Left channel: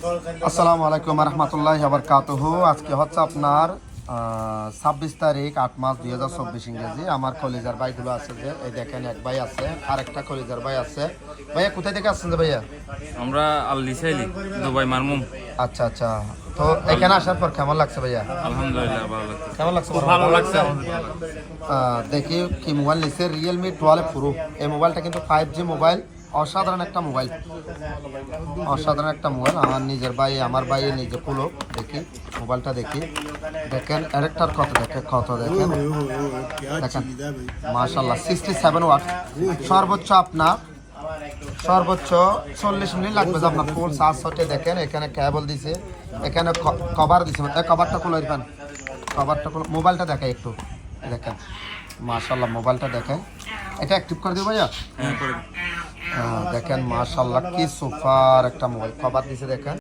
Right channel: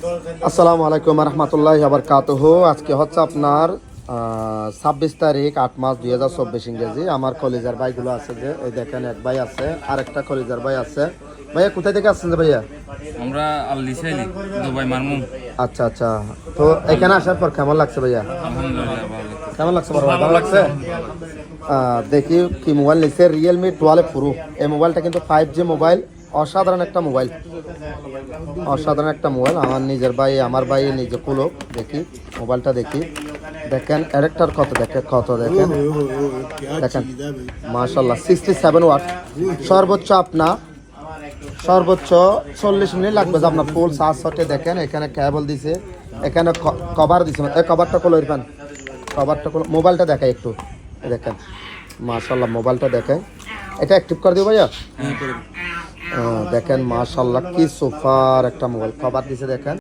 আসসালামু আলাইকুম রহমতুল্লাহি ওয়া বারাকাতুহু। আজকে হচ্ছে আপনার 26 তারিখ 8 মাস 2024 ইংরেজি। আমার কলেজের ভাইগুলো আছে, যে এই দেখেন এক ভাই আছে, আরেকটা কলেজের ভাই আছে। ভাইয়া কোথা থেকে আসছেন ভাইয়া? আমরা আল্লিশাইলি দুবাই মারমুম। আচ্ছা আচ্ছা, তো এখানে আসার পর কেমন লাগছে ভাইয়া? আলহামদুলিল্লাহ ভালো লাগছে। কেমন লাগছে? ভালো লাগছে। দেখি কি মোবাইল নিচ্ছে, রিয়েলমি 12 প্রো। এই মোবাইলটা কিন্তু 5G মোবাইল, অসাধারণ একটা মোবাইল, অসাধারণ একটা মোবাইল। আমার নিজের ভাই, আমার ভাই নিজে পুলো। দেখি মোবাইলটা, দেখি দেখেন ক্যারেক্টার কত, দেখেন দেখেন মাশাআল্লাহ 67 ওয়াট। সর্বোচ্চ আপনার সর্বোচ্চ 40 মিনিট লাগবে যে আপনার ফুল চার্জ হতে। দেখেন এখানে কেবল দিছে, এখানে কভার দিছে না, এই কভারটা খুলে দিবেন, কভারটা খুলে মোবাইলটা দেখাই একটু। দেখেন মাশাআল্লাহ মোবাইলটা দেখেন, এটা অ্যাক্টিভ করে দিও ভাইয়া। দেখেন মাশাআল্লাহ কি সুপার একটা মোবাইল, কভার দিছে দেখেন।